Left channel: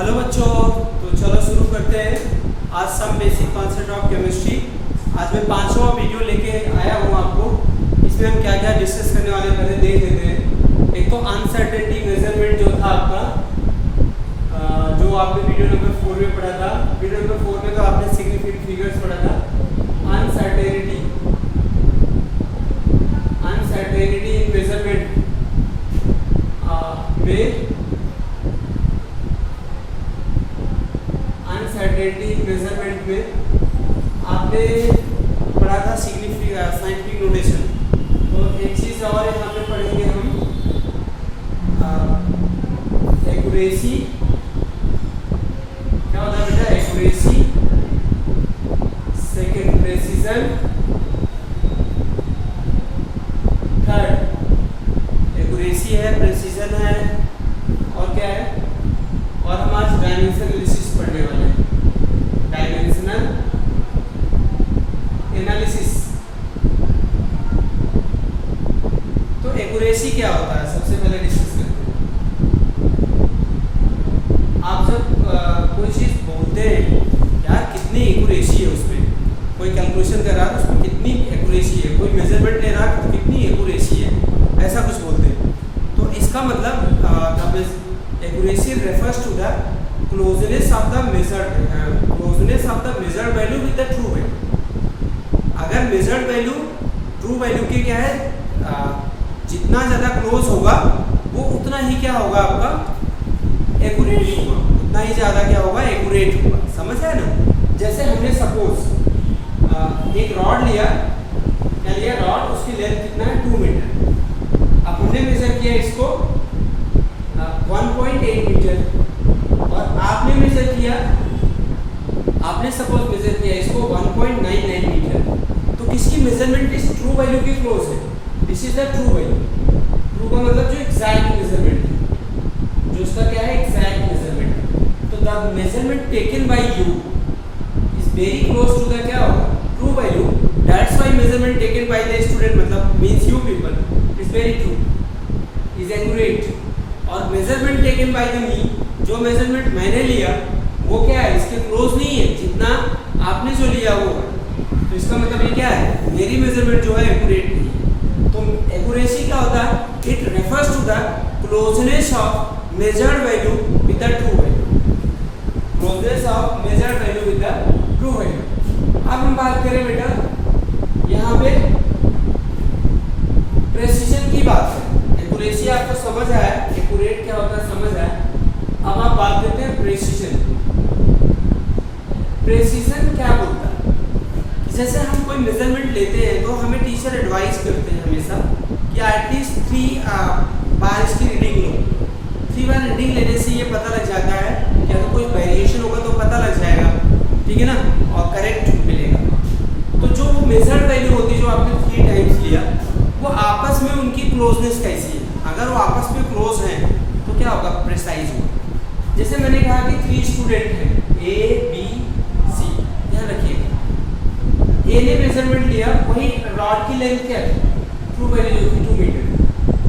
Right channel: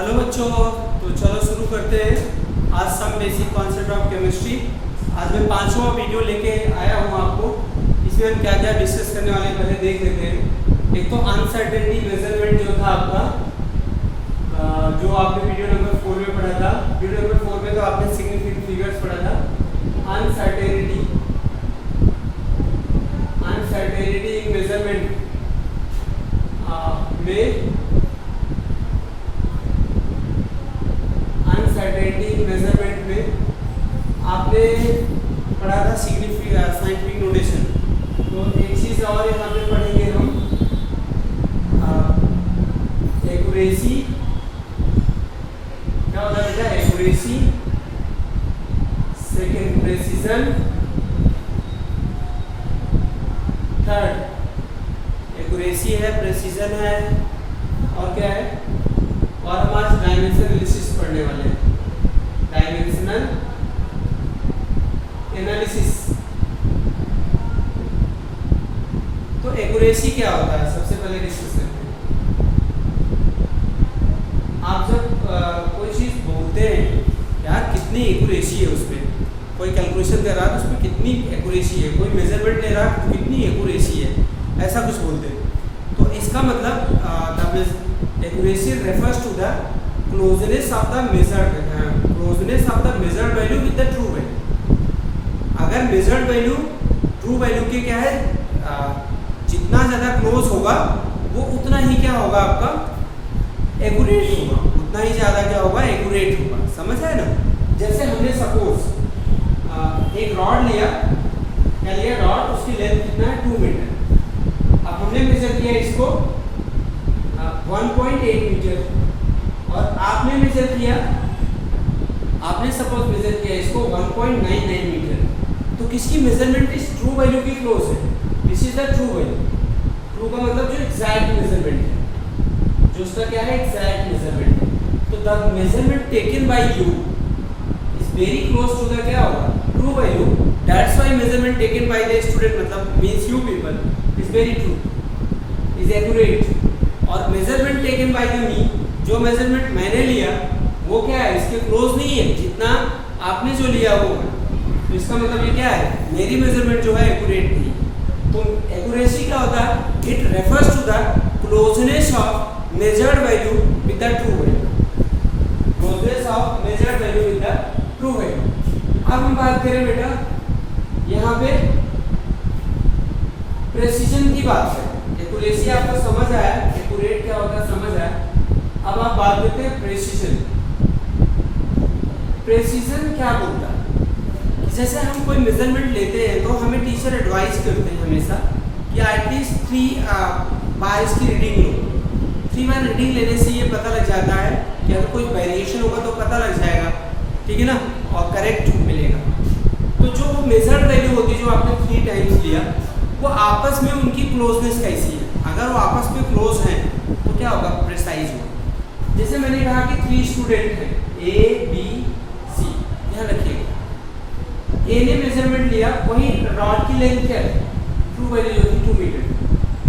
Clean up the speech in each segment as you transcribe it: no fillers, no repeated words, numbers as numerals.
Hello बच्चों, तो चलो शुरू करते हैं आज some basic concept of chemistry. आज मैं 5वां वीडियो लेके आया हूँ आपको। इसमें हम क्या क्या डिस्कस करने वाले पहले देख लेते हैं। एक तो अनसर्टेनिटी मेजरमेंट जो था आपका, जो आपने वीडियो नंबर 4 में पढ़ा था। वीडियो नंबर 4 में तो आपने सिग्निफिकेंट फिगर्स पढ़ा था। अनसर्टेनिटी इन मेजरमेंट में अनसर्टेनिटी मेजरमेंट में आपने पढ़ा था साइंटिफिक नोटेशन। तो एक चीज़ और यहाँ पे पढ़ेंगे हम, एक्यूरेसी। क्या होता है बेटा? Accuracy, second precision, third accuracy है, प्रेसिजन है, और क्या है? और हम आज डायमेंशनल एनालिसिस पढ़ने वाले हैं। Dimensional analysis. तो एक्यूरेसी क्या होता है सबसे पहले डिस्कस करते हैं। आप जब कोई चीज़ बोलते हैं यार कितनी एक्यूरेसी है उसमें, कोई कैलकुलेशन कर रहा है तो उसमें कितनी एक्यूरेसी है, कोई मेजरमेंट ले रहा है तो कितनी एक्यूरेसी है, ऐसा कुछ बोलते हैं। तो इसका मतलब accuracy refers to the closeness of the measured value with the true value। अगर measured value true value के क्या है, जितना ज़्यादा क्लोज होगा वो उतना ही क्या होगा आपका एक्यूरेट होगा, उतना ही ज़्यादा क्या होगा एक्यूरेट होगा। समझ आया ना? जैसे हमने सपोज एक रॉड लिया, क्या लिया? रॉड, उसकी लेंथ कितना है? 2 मीटर। अब हमने मेजर किया इसको 1.8 मीटर, और आपने मेजर किया, आपने सपोज मेजर किया इसको 1.99 मीटर। तो किसकी मेजरमेंट इस ट्रू वैल्यू की क्लोज है? This is the true value. True का मतलब जो एग्जैक्ट मेजरमेंट है, जो उसका क्या है एग्जैक्ट मेजरमेंट है। तो the measurement taken by you is very close to the क्या होगा true value. That's why measurement taken by the student मतलब means you people is very true, is accurate. और measurement taken by the me, जो measurement मैंने लिया वो क्या है इसके क्लोज नहीं है जितना आपने जो लिया वो है। तो इसका मतलब ये क्या है, मेरी मेजरमेंट जो है एक्यूरेट नहीं है। तो एक्यूरेसी क्या होता है? It refers to the closeness of measured value with the true value. Closeness of measured value with the true value. अब हम बात करें बेटा यहाँ पे प्रेसिजन की बात है। एक्यूरेसी आपको समझ आया, एक्यूरेट क्या होता है समझ आया। अब आप बात करते हैं प्रेसिजन। प्रेसिजन क्या बोलता है? जैसे हम कोई मेजरमेंट लेते हैं तो हमें टीचर एडवाइस करते हैं हमेशा कि एटलीस्ट 3 बार इसकी रीडिंग लो। 3 बार रीडिंग लेने से ये पता लग जाता है कि अगर कोई वेरिएशन होगा तो पता लग जाएगा, ठीक है ना, और करेक्ट मिलेगा। तो जो वो मेजर्ड वैल्यू होती है जो आपने 3 टाइम्स लिया, वो आपस में उनकी क्लोजनेस कैसी है। अगर वो आपस में क्लोज हैं तो क्या होगा? प्रिसाइज होगा। जैसे मैंने कहा कि 3 स्टूडेंट हैं A B C, ध्यान रखिएगा। A ने मेजरमेंट लिया, वही रॉड की लेंथ क्या है? ट्रू वैल्यू जो थी 2 मीटर।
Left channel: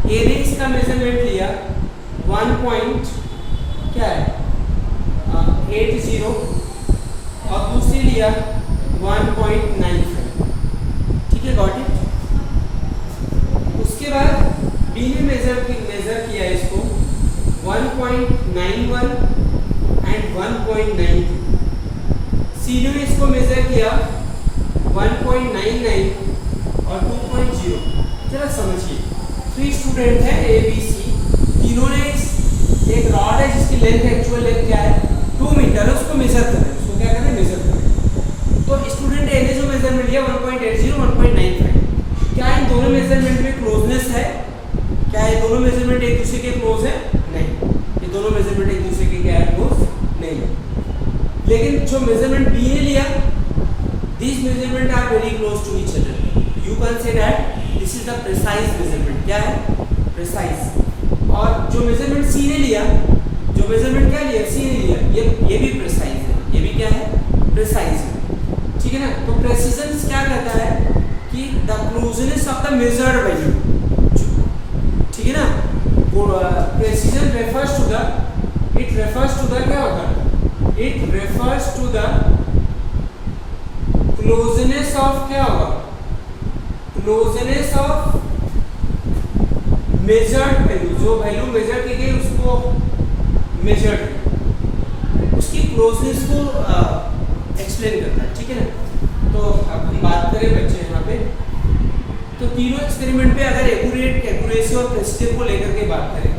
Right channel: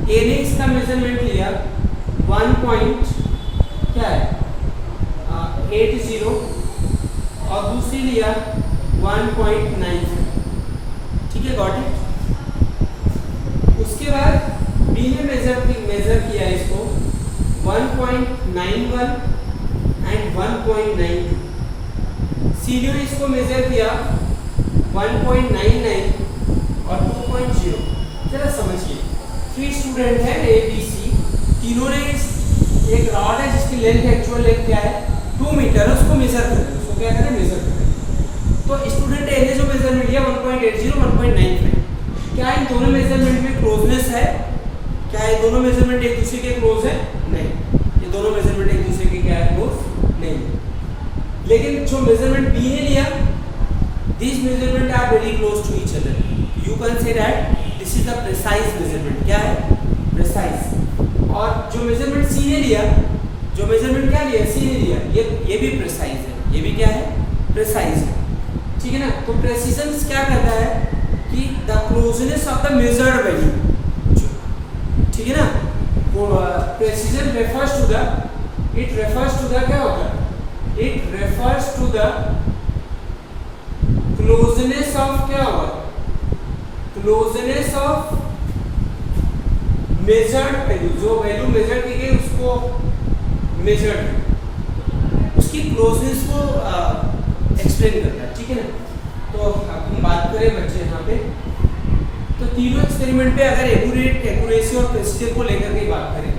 A ने इसका मेजरमेंट लिया 1 पॉइंट क्या है 80, और दूसरी लिया 1.95। ठीक है, गॉट इट। उसके बाद B ने मेजर किया इसको 1.91 एंड 1.92। C ने इसको मेजर किया 1.99 और 2.0। जरा समझिए, 3 स्टूडेंट हैं A B C, तीनों ने एक रॉड है जिसकी लेंथ एक्चुअल लेंथ क्या है 2 मीटर है, उसको मेजर कर रहे हैं। उसको क्या करें? मेजर कर रहे हैं। तो स्टूडेंट A ने जो मेजरमेंट लिया 1.80 1.95, क्या इन दोनों मेजरमेंट में क्लोजनेस है? क्या ये दोनों मेजरमेंट एक दूसरे के क्लोज है? नहीं, ये दोनों मेजरमेंट एक दूसरे के क्या है क्लोज नहीं। लेकिन जो मेजरमेंट B ने लिया, this measurement are very close to each other. You can say that this is the precise measurement. क्या है? प्रिसाइज। और जो मेजरमेंट C ने लिया, जो मेजरमेंट क्या लिया C ने लिया, ये भी प्रिसाइज है, ये भी क्या है प्रिसाइज है। ठीक है ना? तो प्रेसिजन क्या कहता है कि the closeness of the measured value, ठीक है ना, precision refers to the it refers to the, क्या होता है, it refers to the closeness of, क्या होगा, क्लोजनेस ऑफ मेजर्ड वैल्यू, जो वैल्यू मेजर की गई उसको मेजर्ड, उसकी क्लोजनेस को एक्सप्लेन करता है, ठीक है ना। तो अब हम बात करें बच्चे यहाँ पे, तो तीनों एक्सपेरिमेंट पे अगर एक्यूरेसी और प्रेसिजन को लेकर के बात करें,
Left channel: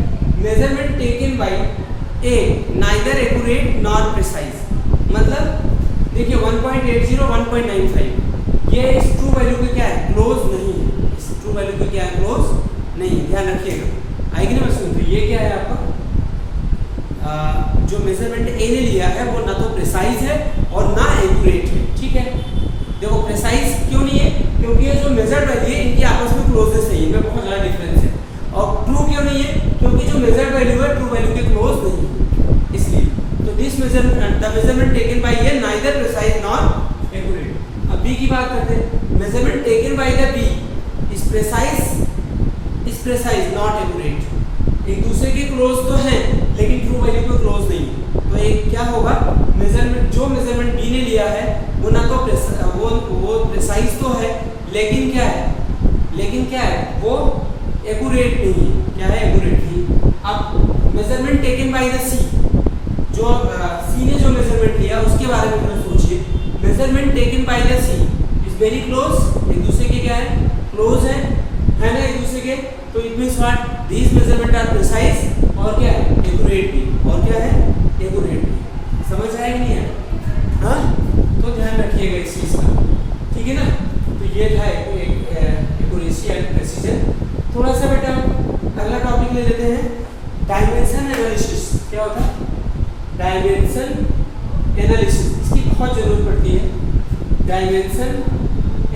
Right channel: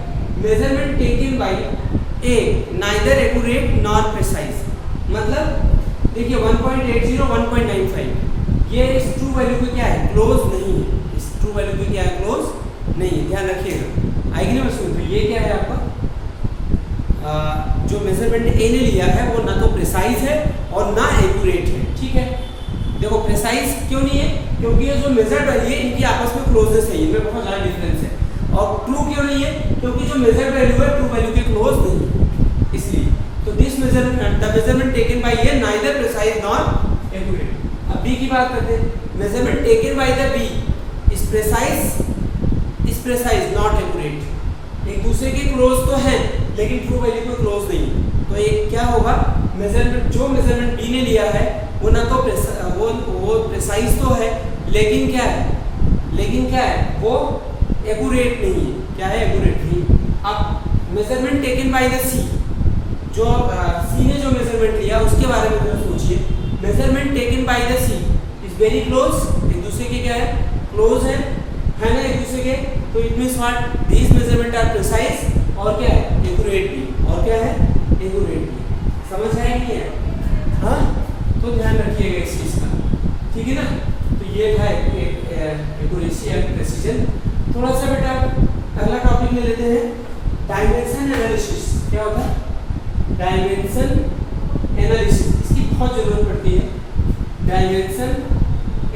measurement taken by A neither accurate nor precise, मतलब देखिए 1.80 1.95 ये इस ट्रू वैल्यू के क्या है, क्लोज नहीं है, इस ट्रू वैल्यू के क्या है, क्लोज नहीं है, ध्यान रखिएगा, आएगी ना मशीन। तो ये क्या है आपका जो मेजरमेंट ए ने लिया है वो ना तो प्रिसाइज है और ना एक्यूरेट है, ठीक है। देखो प्रिसाइज क्यों नहीं है, क्योंकि ये जो मेजर्ड वैल्यू है इनकी आपस में क्लोजनेस है, इनमें बहुत ज़्यादा डिफरेंस है। और ट्रू क्यों नहीं है, क्योंकि जो मेजर्ड वैल्यू है ट्रू वैल्यू के क्लोज नहीं है, इसलिए। तो this measurement, the measurement taken by A neither precise nor accurate. अब बी की बात करते हैं, measurement taken by the B is precise not accurate, एक दूसरे के क्लोज तो हैं लेकिन ट्रू वैल्यू के क्लोज नहीं। तो एक क्या होगा, मेजरमेंट, जो मेजरमेंट बी ने लिया है वो ना तो वो प्रिसाइज तो है लेकिन क्या है, वो एक्यूरेट नहीं है, क्या है, एक्यूरेट नहीं। अब मेजरमेंट टेकन बाय द सी, जो सी ने जो मेजरमेंट लिया उसके बारे में हम सोचिए, measurement taken by the C is very close, एक दूसरे के क्या है, क्लोज है ना एक दूसरे के। तो it means what, these measurement are precise और क्या है, एक्यूरेट भी, और क्या है, एक्यूरेट भी। समझ आया नहीं है, हाँ, तो ध्यान रखिएगा इस चीज़ का, ठीक है ना। तो ये था एक्यूरेसी एंड प्रेसिजन। थोड़ा सा बेटा अगला टॉपिक ले लेते हैं, डायमेंशन एनालिसिस। क्या होता है, डायमेंशन एनालिसिस, इसकी बहुत जरूरत पड़ती है, डायमेंशन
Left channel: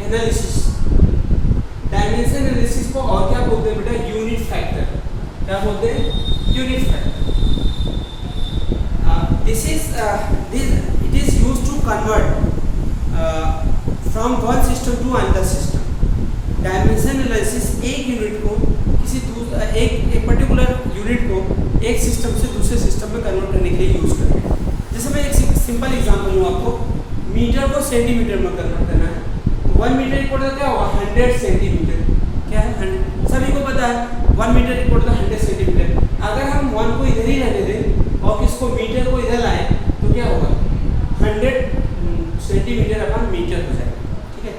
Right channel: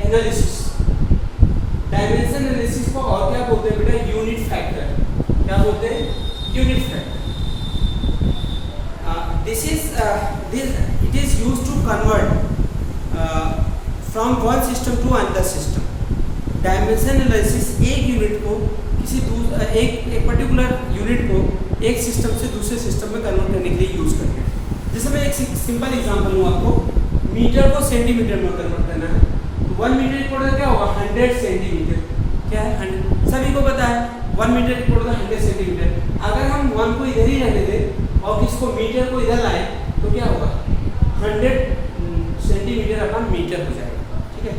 एनालिसिस। डायमेंशन एनालिसिस को और क्या बोलते हैं बेटा, यूनिट फैक्टर। क्या बोलते हैं, unit factor. it is used to convert from one system to another system. Dimension analysis एक यूनिट को एक पर्टिकुलर यूनिट को एक सिस्टम से दूसरे सिस्टम में कन्वर्ट करने के लिए यूज करते हैं। जैसे मैं एक सिंपल एग्जांपल लूँ आपको, मीटर को सेंटीमीटर में कन्वर्ट करना है, तो 1 मीटर इक्वल टू क्या होगा, 100 सेंटीमीटर। क्या है, 100, सभी को पता है 1 मीटर इक्वल टू 100 सेंटीमीटर। अगर हम 1 को इधर ही रहने दें और किसको, मीटर को इधर लाएं, तो क्या होगा, 100 सेंटीमीटर अपन मीटर हो जाएगा, ठीक है।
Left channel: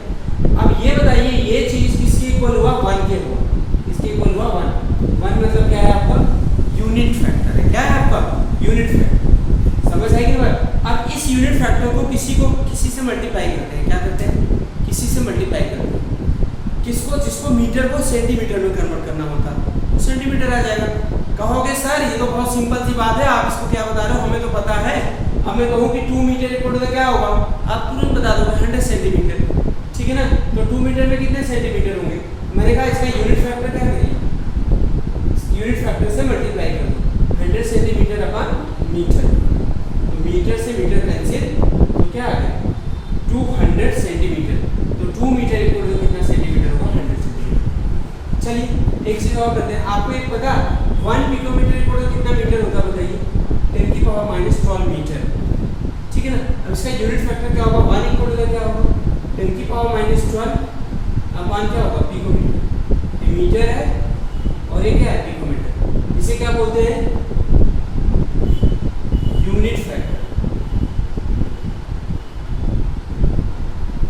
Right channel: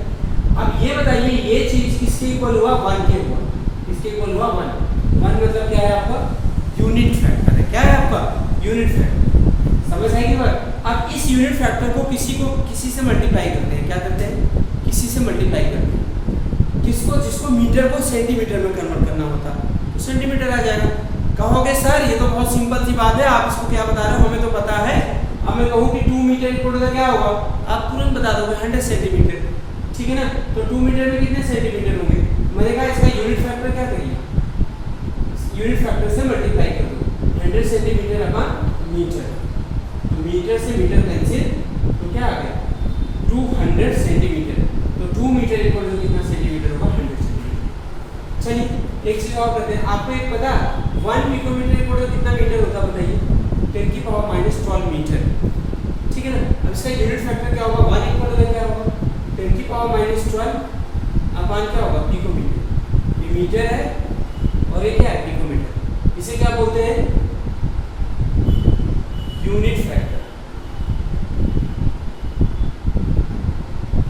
अब ये बताइए, ये चीज़ किसके इक्वल हुआ, 1 के हुआ, किसके इक्वल हुआ, 1 मतलब क्या है आपका, यूनिट फैक्टर है। क्या है आपका, यूनिट फैक्टर। समझ आएगी बात। अब इस यूनिट फैक्टर को किसी से मल्टीप्लाई करते हैं, क्या करते हैं, किसी से मल्टीप्लाई करते हैं, जिसको मीटर को सेंटीमीटर में कन्वर्ट करना होता है, तो सेंटीमीटर आ जाएगा। कहोगे सर ये तो बहुत सिंपल सी बात है, आप इसको क्या बता रहे हो, हमें तो पता है। अब मैं कहूँ कि 2 मीटर इक्वल टू क्या होगा, आप तुरंत बता दोगे 100 सेंटीमीटर, ठीक है ना। तो 2 मीटर में कितने सेंटीमीटर होंगे, मैंने कहा इसका यूनिट फैक्टर क्या करिए, यूनिट फैक्टर से मल्टीप्लाई कर दो, 100 सेंटीमीटर अपन मीटर, तो मीटर से मीटर कैंसिल, तो क्या आ गया, 200 सेंटीमीटर। तो 2 मीटर इक्वल टू कितना सेंटीमीटर होगा, 100 सेंटीमीटर। चलिए एक चीज और करते हैं, आपको एक पता 1 पिकोमीटर इक्वल टू कितना मीटर होता है, बताइए, 10 की पावर -12 मीटर, ठीक है ना। अब इसका यूनिट फैक्टर क्या होगा, 1 इक्वल टू क्या होगा, 10 की पावर -12 अपन क्या होगा, पिकोमीटर। ये मीटर है और ये क्या है, पिकोमीटर। इसे क्या बोलते हैं, यूनिट फैक्टर।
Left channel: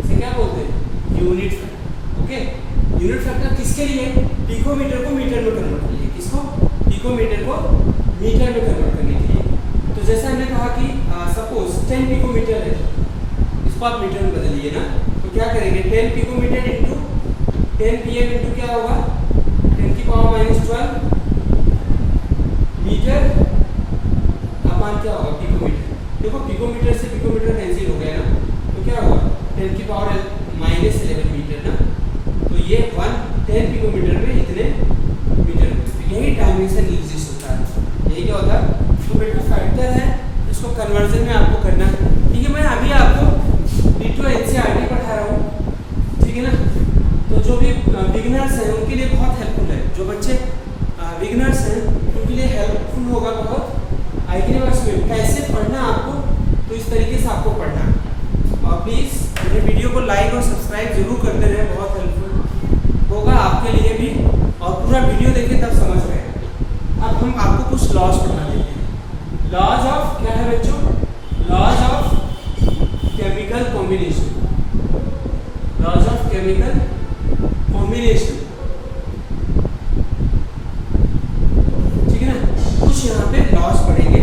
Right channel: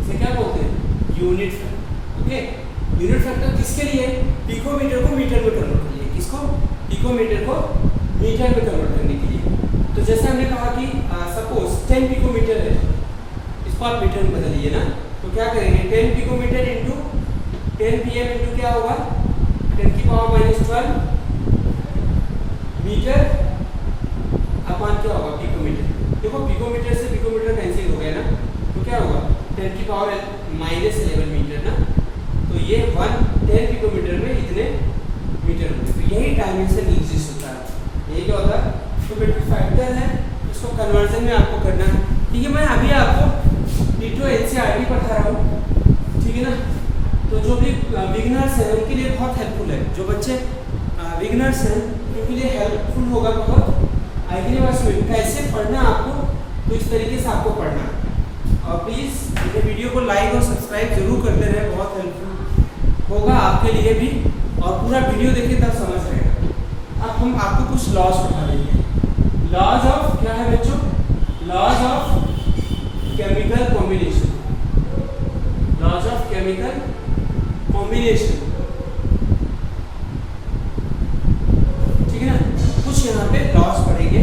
इसे क्या बोलते हैं, unit factor. Okay, unit factor किसके लिए, पिकोमीटर को मीटर में कन्वर्ट करने के लिए, किसको, पिकोमीटर को मीटर में कन्वर्ट करने के लिए। तो जैसे हमने कहा कि सपोज 10 पिकोमीटर है, इसको आप मीटर में बदलिए ना, तो क्या करेंगे, 10 पिकोमीटर इंटू 10 pm इंटू क्या होगा, 10 की पावर -12 मीटर अपन क्या होगा, पिकोमीटर। देखो पिकोमीटर से पिकोमीटर कैंसिल हो गया ना, तो क्या होगा, 10 की पावर -11 मीटर ना, तो ये 10 पिकोमीटर में इतने मीटर होते हैं। यही डायमेंशन एग्जिस्ट होता है, यही क्या होता है, तो बेटा फैक्टर है, इसको कन्वर्जन में आपको करना है, ठीक है। मैं अभी आपको डिटो एनसीईआरटी पढ़ा रहा हूँ, ठीक है ना। तो जो भी बिगिनर्स हैं उनके लिए बहुत हेल्पफुल है, जो बच्चे बिगिनर्स हैं उनके लिए हेल्पफुल होगा बहुत। आइकनिक एक्सपेरिमेंट कैसे पढ़ना है आपको, तो इस तरीके से आपको पढ़ना है। और प्लीज़ मेरे वीडियो को लाइक और सब्सक्राइब जरूर करते रहे, बहुत हेल्पफुल होगा आपके लिए भी, और पूरा वीडियो देखिए तब समझ रहे हैं। अब हम आपको कुछ लॉज पढ़ा देंगे। लॉज ऑफ क्या है बच्चों, laws of chemical combination, laws of chemical combination, ठीक है ना। कुछ यहाँ पे लॉज पढ़ेंगे,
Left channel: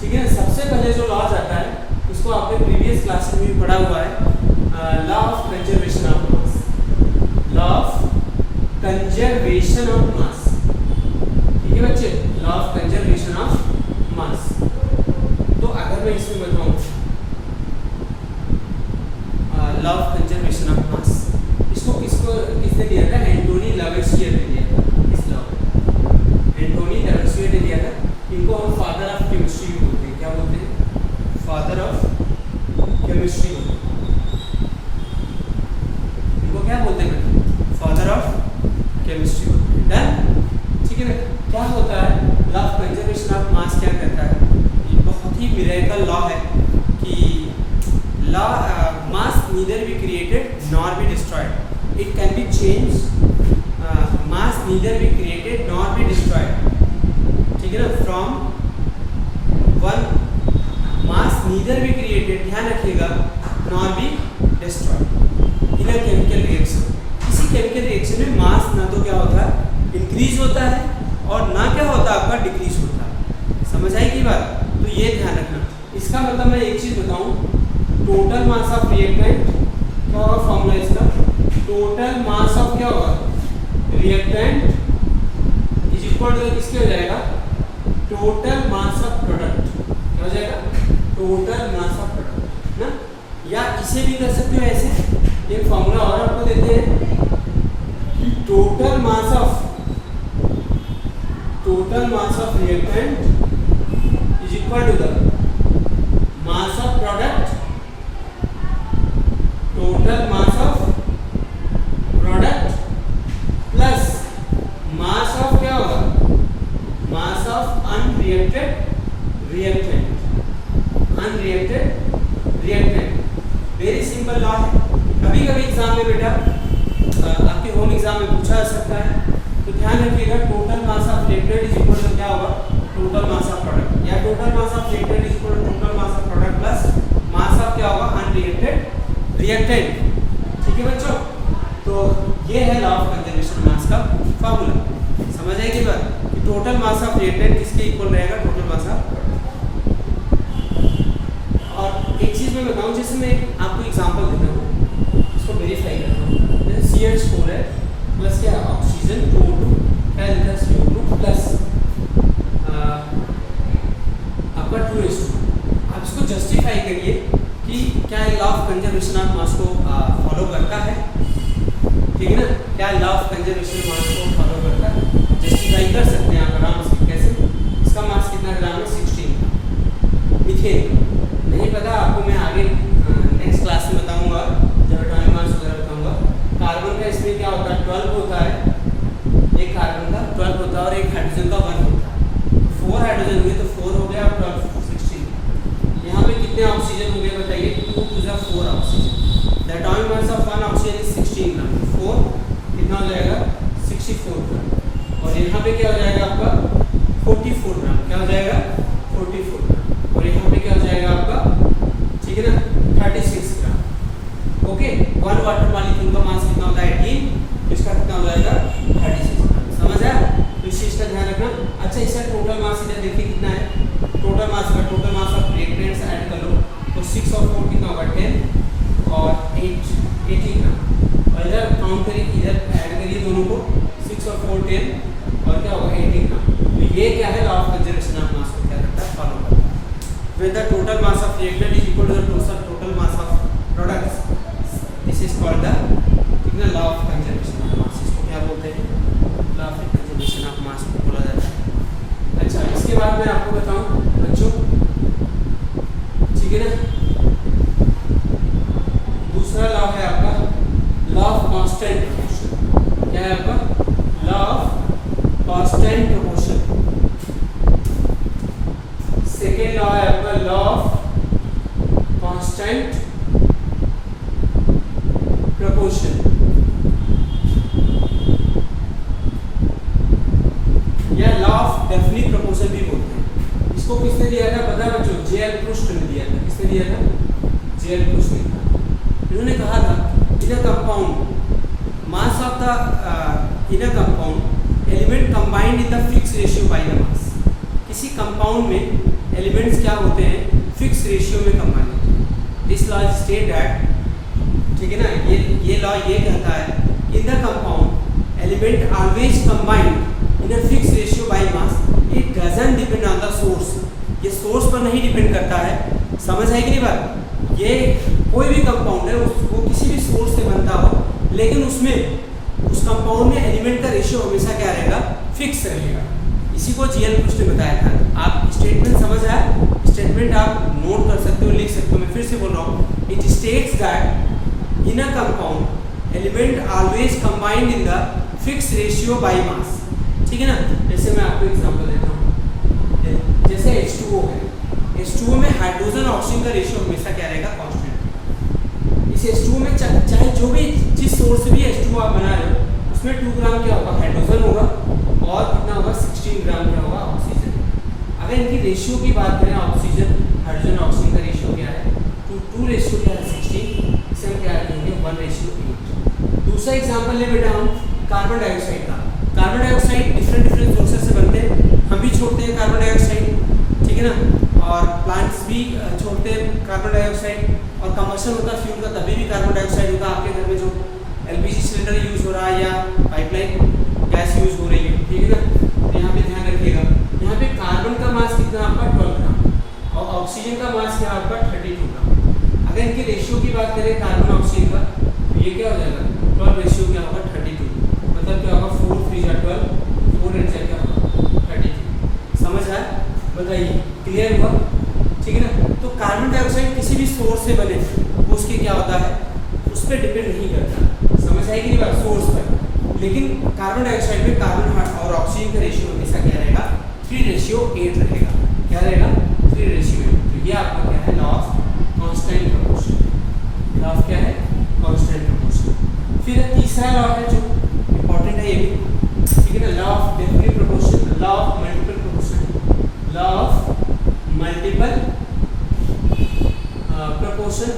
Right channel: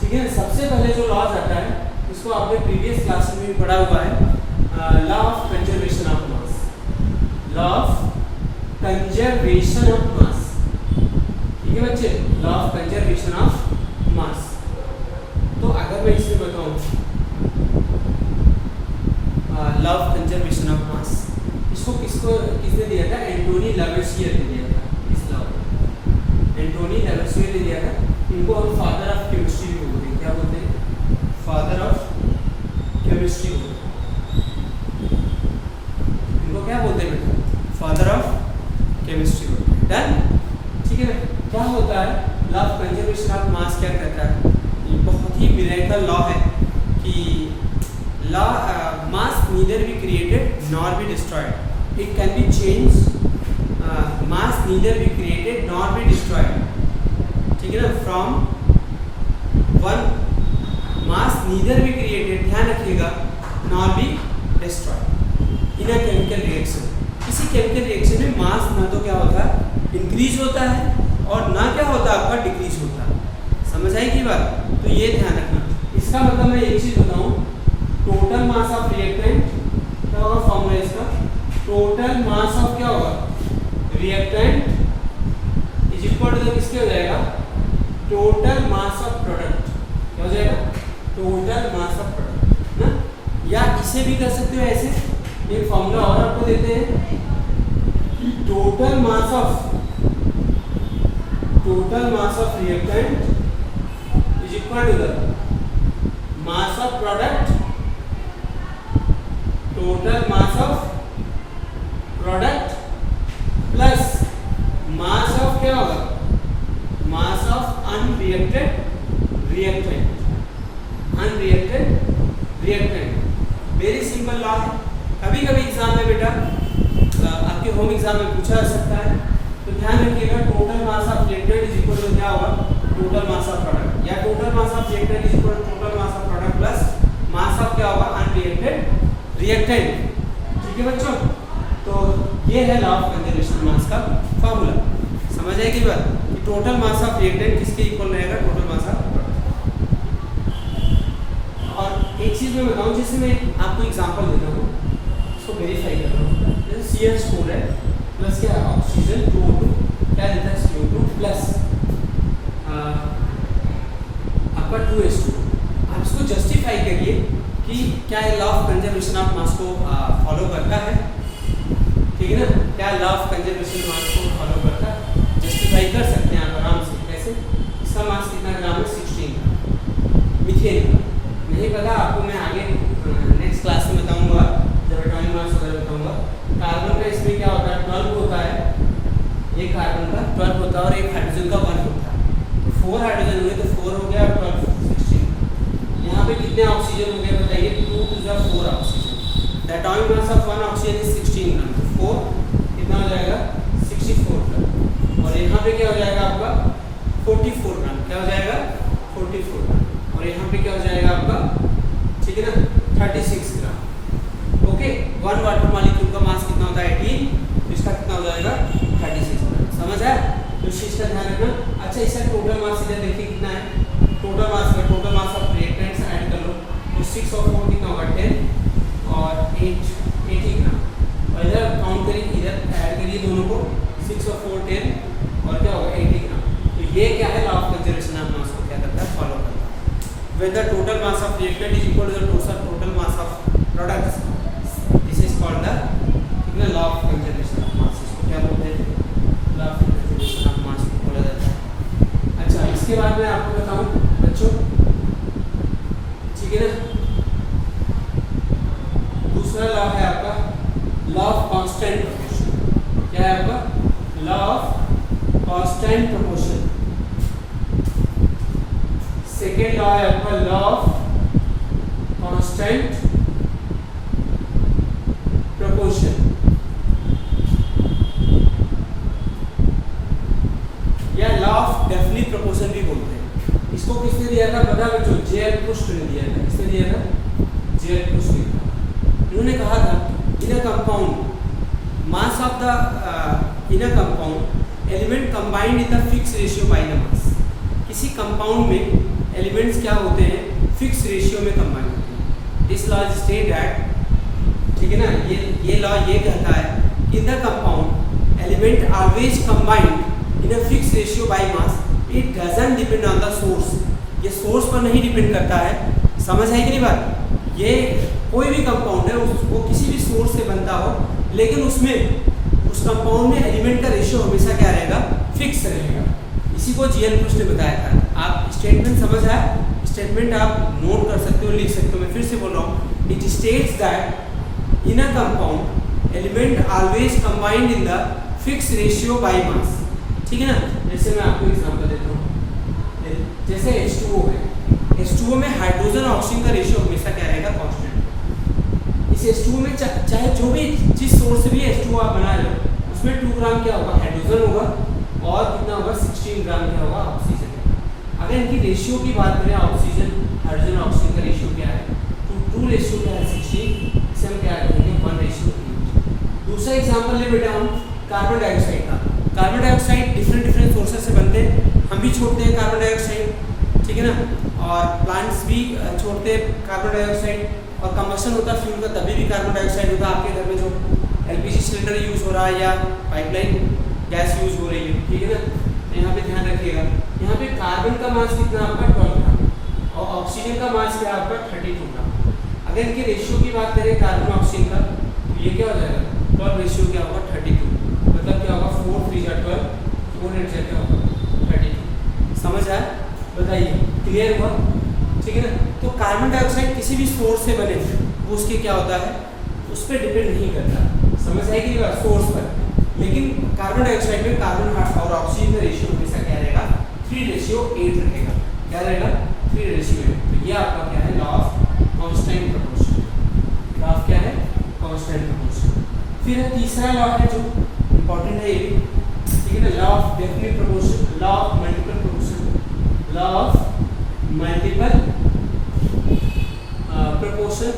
ठीक है ना। सबसे पहले जो लॉज आता है इसको आपने प्रीवियस क्लास में भी पढ़ा हुआ है, law of conservation of mass, law of conservation of mass, ठीक है बच्चे, law of conservation of mass. तो अगर मैं इसमें बताऊं law of conservation of mass, इसको किसने दिया था, एंटोनी लावेसियर ने दिया था। इस लॉ एंटोनी लावेसियर ने दिया था। इनको हम फादर ऑफ केमिस्ट्री भी बोलते हैं। क्या बोलते हैं, फादर ऑफ केमिस्ट्री बोलते हैं इनको। क्या बोलते हैं बेटा, फादर ऑफ केमिस्ट्री बोलते हैं। डन, ठीक है ना। क्या होता है law of conservation of mass, क्या कहता है, ये बहुत ही मिरेकल लॉ है कि law mass neither be created nor be destroyed, it can be change, mass neither be created nor be destroyed, ठीक है ना, from one mass neither be created, ध्यान रखिएगा, nor be destroyed in a chemical reaction. किसी chemical reaction में मास ना तो क्या होता है, इंक्रीज होता है, और ना क्या होता है आपका डिक्रीज होता है। समझ आई की बात, तो ये ध्यान रखना। इसका मतलब मैं एक चीज बताऊं, टोटल मास ऑफ रिएक्टेंट क्या होगा, फॉर्मूला इसका, टोटल मास ऑफ क्या होगा रिएक्टेंट इज इक्वल टू किसके हो जाएगा, टोटल मास ऑफ प्रोडक्ट, क्या हो जाएगा, टोटल मास ऑफ प्रोडक्ट ना। या इसे भी कर सकते हो ऐसे, एक फॉर्मूला और आपको देते हैं कि total mass of reactant is equal to the mass of product, total mass of product plus mass of क्या होगा, mass of unreacted reactant, unreacted reactant. Very simple law है। कभी कभी एग्जाम में बेटा आपके होम एग्जाम में पूछा जा सकता है, तो ध्यान रखिएगा, total mass of reactant is equal to क्या होगा, टोटल मास ऑफ प्रोडक्ट, या total mass of reactant is equal to total mass of product plus mass of क्या होगा, अनरिएक्टेड रिएक्टेंट, ठीक है बच्चों। तो ये है लॉ ऑफ कंजर्वेशन मास का फॉर्मूला। समझ आएगी बात कि टोटल मास ऑफ रिएक्टेंट किसके इक्वल रहेगा, टोटल मास ऑफ प्रोडक्ट। और एक चीज मैं बताऊं, जैसे मैं आपको एग्जांपल देता हूँ, इसको वेरीफाई करता हूँ। जैसे CH4 है प्लस क्या ऑक्सीजन 2O2, क्या देता है CO2 प्लस आपका 2H2। आप इसको जस्टिफाई करिए कि क्या ये law of conservation of mass को फॉलो करता है, ठीक है ना। क्या लॉ ऑफ कंजर्वेशन मास को फॉलो करता है, जस्टिफाई कर सकते हैं आप आराम से। कैसे, इसका मास कितना ग्राम है, 16। मीथेन नहीं पता आपको, मैं आगे नेक्स्ट क्लास में बताऊंगा, जब एटॉमिक मास वगैरह बताऊंगा। कार्बन का इसमें क्या होता है, 12 होता है, एक कार्बन का 12 होता है और एक हाइड्रोजन का 1 होता है। तो 4 हाइड्रोजन हुए तो 4 हो गया और 12 16। यहाँ पे कितने ऑक्सीजन हो गए बताइए, 2 + 4 oxygen. The atomic mass of 1 oxygen is 16 ग्राम, 4 कितना हो जाएगा, 64 ग्राम। और यहाँ पे क्या हो जाएगा आपका 44 ग्राम, क्या हो जाएगा 44 ग्राम। और यहाँ पे क्या हो जाएगा आपका, ठीक है ना, 36 ग्राम। ओके, 1 वाटर मॉलिक्यूल का मास कितना होता है, 18, तो इसका कितना हो जाएगा 36 ग्राम। समझ आया, तो इस चीज का ध्यान रखना। अच्छा, इसका टोटल मास इधर देखिए कितना है, टोटल मास का total mass of reactants add कर लो, तो 6 और 4 कितना होगा 10 और 8 80 ग्राम। और इधर काउंट करिए, इधर ऐड करिए दोनों को, 6 और 4 10 और क्या होगा 80 ग्राम। तो ये क्या है, law of conservation of mass को क्या करता है, फॉलो करता है। When the total mass of reactant is equal to the total mass of products, this is called the law of conservation of mass। इसको क्या बोलते हैं, law of conservation of mass को बोला जाता है। अच्छा, इसके बाद मैं आपको बताऊं बच्चों, ठीक है ना, दूसरा लॉ है आपका लॉ ऑफ कांस्टेंट प्रोपोर्शन। क्या है आपका, लॉ ऑफ कांस्टेंट प्रोपोर्शन। है आपका लॉ ऑफ कांस्टेंट प्रोपोर्शन, या लॉ ऑफ डेफिनिट प्रोपोर्शन भी बोलते हैं। इसको किसने दिया था पता बच्चों? जेएल प्रुस्ट ने दिया था। किसने दिया था? जेएल प्रुस्ट ने दिया। इन्होंने कहा था in a compound mass of the in a compound element combined in the fixed ratio by the mass. किसी कंपाउंड में एलिमेंट्स क्या होते हैं? फिक्स रेशियो में कंबाइन होते हैं। दिस लॉ स्टेट दैट, ठीक है ना, ये लॉ ये कहता है in the compound element always combined in a fix ratio by mass, it doesn't depend on the source. ये सोर्स पर नहीं डिपेंड करता है। समझ है कि नहीं बात? ये कोई भी कंपाउंड है वो किसी भी सोर्स से बनता हो, लेकिन उसमें उस कंपाउंड में एलिमेंट का रेशियो हमेशा क्या रहेगा? फिक्स रहेगा। इसी को जीएल प्रुस्ट ने बताया था। आप स्टेटमेंट समझ आया? स्टेटमेंट आप नोट कर सकते हो, लिख सकते हो। मैं फिर से बोल रहा हूँ, it states that in a compound element always combined in the fixed ratio by mass. ठीक है ना? जैसे मैं आपको एग्जांपल देता हूँ, जैसे H2O है। H2O में हाइड्रोजन ऑक्सीजन का रेशियो हमेशा क्या रहेगा? कांस्टेंट। इस H2O में चाहे जो भी जिस सोर्स से भी H2O आप बना रहे हो, उसमें 2 ग्राम क्या होगा? हाइड्रोजन होगा, और कितना होगा? 16 ग्राम क्या होगा? ऑक्सीजन। अगर इनकी रेशियो की बात करें, ऑक्सीजन हाइड्रोजन ऑक्सीजन का रेशियो क्या है? 2 रेशियो क्या है? 16। इसे हम क्या कहेंगे? 1:8। दूसरा एग्जाम्पल ले बेटा हम कार्बन डाइऑक्साइड का। कार्बन डाइऑक्साइड डिफरेंट सोर्सेस से बनते हैं। हम भी छोड़ते हैं कार्बन डाइऑक्साइड, ठीक है ना, और प्लांट्स भी छोड़ते हैं कार्बन डाइऑक्साइड, और कंबशन होता है फ्यूल का, तभी भी कार्बन डाइऑक्साइड होता है। आपके घर में जो एलपीजी सिलेंडर यूज़ हो रहा है या पाइपलाइन गैस यूज़ हो रही है, ठीक है ना, यहाँ पे ध्यान रखिएगा। यहाँ पे कार्बन का मास कितना आपका? 12 ग्राम, और ऑक्सीजन का मास क्या आपका? 32 ग्राम। अगर इनके रेशियो की बात करें कार्बन ऑक्सीजन का, तो ये क्या हो जाएगा? 12 रेशियो क्या होगा? 32। मतलब क्या होगा? 4 3 जा 12, 4 8 जा क्या होगा? 32। समझ आया? बताइए, क्लियर हुआ? ठीक है ना? तो कार्बन डाइऑक्साइड किसी भी सोर्स से बने, वो उसके क्या होता है? उस पर डिपेंड नहीं करता। समझ आएगी नहीं बात? सोर्स पर। लेकिन कार्बन डाइऑक्साइड में कार्बन और ऑक्सीजन का रेशियो हमेशा क्या रहेगा? 3:8 रहेगा। क्या रहेगा? 3:8। तो ये आपका क्या है? Law of constant proportion. Law of क्या है? Constant proportion. फिर तीसरा लॉ है जो इंपॉर्टेंट है, ये भी, ठीक है ना, law of definite proportion, law of multiple proportion, law of multiple proportion.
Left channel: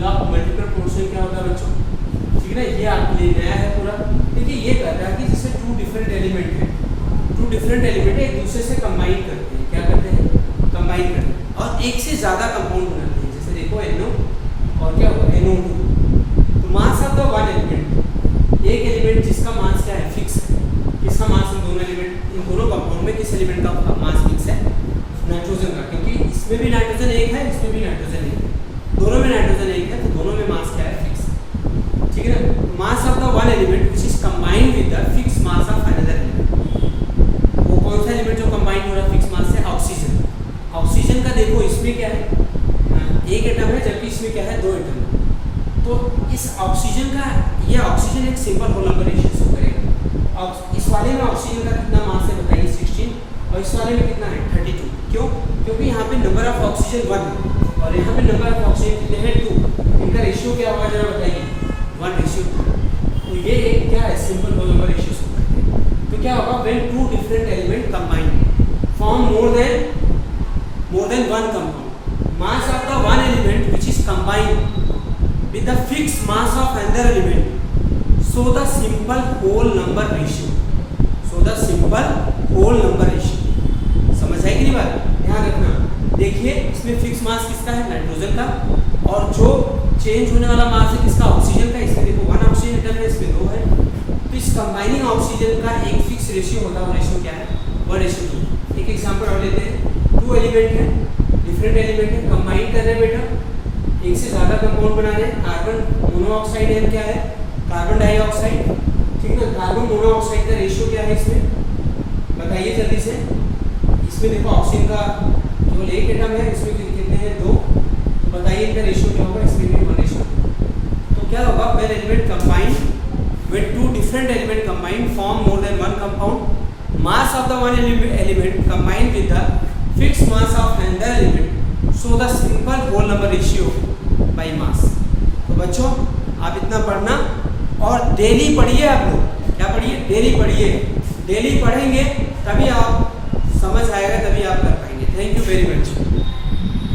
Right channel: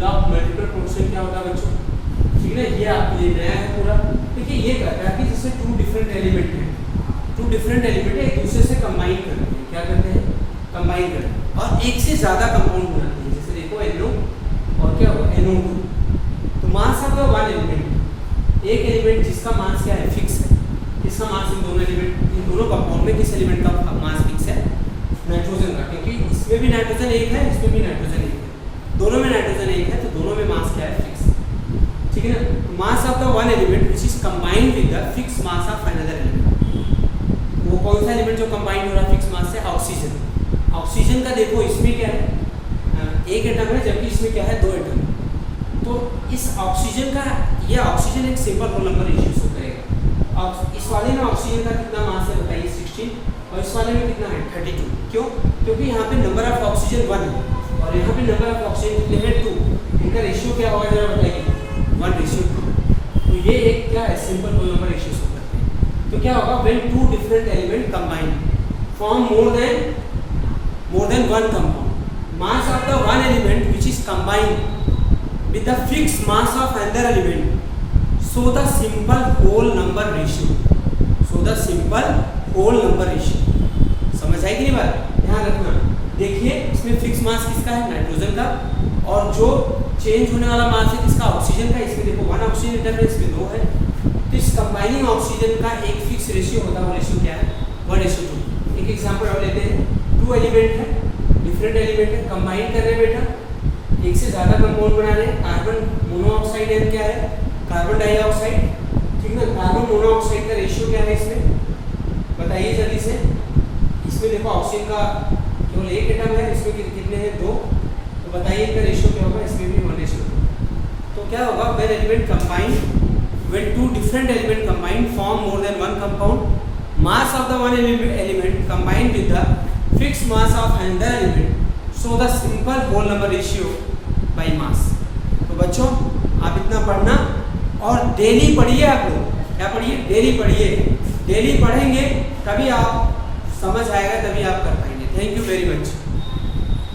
Law of multiple proportion क्या होता है बच्चों? ठीक है ना, ये आपके लिए नया है पूरा। देखिए, ये कहता है कि जैसे 2 डिफरेंट एलिमेंट हैं, 2 डिफरेंट एलिमेंट एक दूसरे से कंबाइन करते हैं। क्या करते हैं? कंबाइन करते हैं, और एक से ज़्यादा कंपाउंड बनाते हैं। जैसे देखो NO और क्या होगा? NO2। तो मास ऑफ द वन एलिमेंट, एक एलिमेंट जिसका मास क्या है? फिक्स है। किसका मास? इन दोनों एलिमेंट, इन दोनों कंपाउंड में किस एलिमेंट का मास फिक्स है? नाइट्रोजन का, क्योंकि इसमें भी नाइट्रोजन एक है, इसमें भी नाइट्रोजन एक है, दोनों में नाइट्रोजन एक है, तो दोनों में मास क्या है? फिक्स। ठीक है ना? मास of the one element which is combined with the fix mass of another element. वो कौन सा एलिमेंट जो कंबाइंड हो रहा है फिक्स मास से? ऑक्सीजन। ऑक्सीजन का देखो, इसमें क्या है? एक एटम है, जबकि इसमें क्या है? 2 एटम। तो इस ऑक्सीजन का, यह ऑक्सीजन एक simple whole number ratio show करेगा। और इस वाले में ऑक्सीजन का कितना मास है बताइए? 16, और इस वाले में कितना है? 32। क्यों? क्योंकि यहाँ पे नंबर ऑफ ऑक्सीजन 1 है, और यहाँ पे नंबर ऑफ ऑक्सीजन कितने हैं? 2। इनका रेशियो क्या होगा जरा बताइए? 1:2। तो ये एक क्या है? Simple whole number ratio show करते हैं। तो क्या होगा? When 2 different element combine form more than 1 compound, mass of the one element which is combined with the fixed mass of another element, so the simple whole number ratio, so the simple whole number ratio। समझ आई कि नहीं बात? ध्यान रखना। देखिए, इसमें fix mass किसका है? नाइट्रोजन का, और जो चेंज होने वाला मास है किसका? ऑक्सीजन का। इसमें देखो 1 ऑक्सीजन एटम है, इसमें 2 है। तो इस कंबाइनिंग ऑक्सीजन का एक फिक्स रेशियो होता है, वो रेशियो क्या है? 1:2। एक एग्जांपल और लेते हैं। 2 एलिमेंट है, डिफरेंट एलिमेंट है, कंबाइन कर रहे हैं बेटा, एक से ज़्यादा कंपाउंड बना रहे हैं। कार्बन मोनोऑक्साइड है, क्या है? Carbon dioxide. ठीक है ना? कार्बन मोनोऑक्साइड का रेशियो क्या है इसमें? बताइए जल्दी से। इसमें देखो ऑक्सीजन का केवल एक एटम है, इसमें कितने हैं? 2। तो बताइए इनका रेशियो क्या होगा? इसमें भी 1:2। तो क्या होगा? When element combine, when 2 different element combine form more than 1 compound, mass of the one element combined with the fixed mass of another element, so the simple whole number ratio by mass। तो बच्चों आप इतना पढ़ना और daily पढ़िए। आप लोग क्या पढ़िए? डेली पढ़िए। डेली पढ़ेंगे तभी आप समझ आएगा, तभी आप कर पाएंगे। Thank you very much.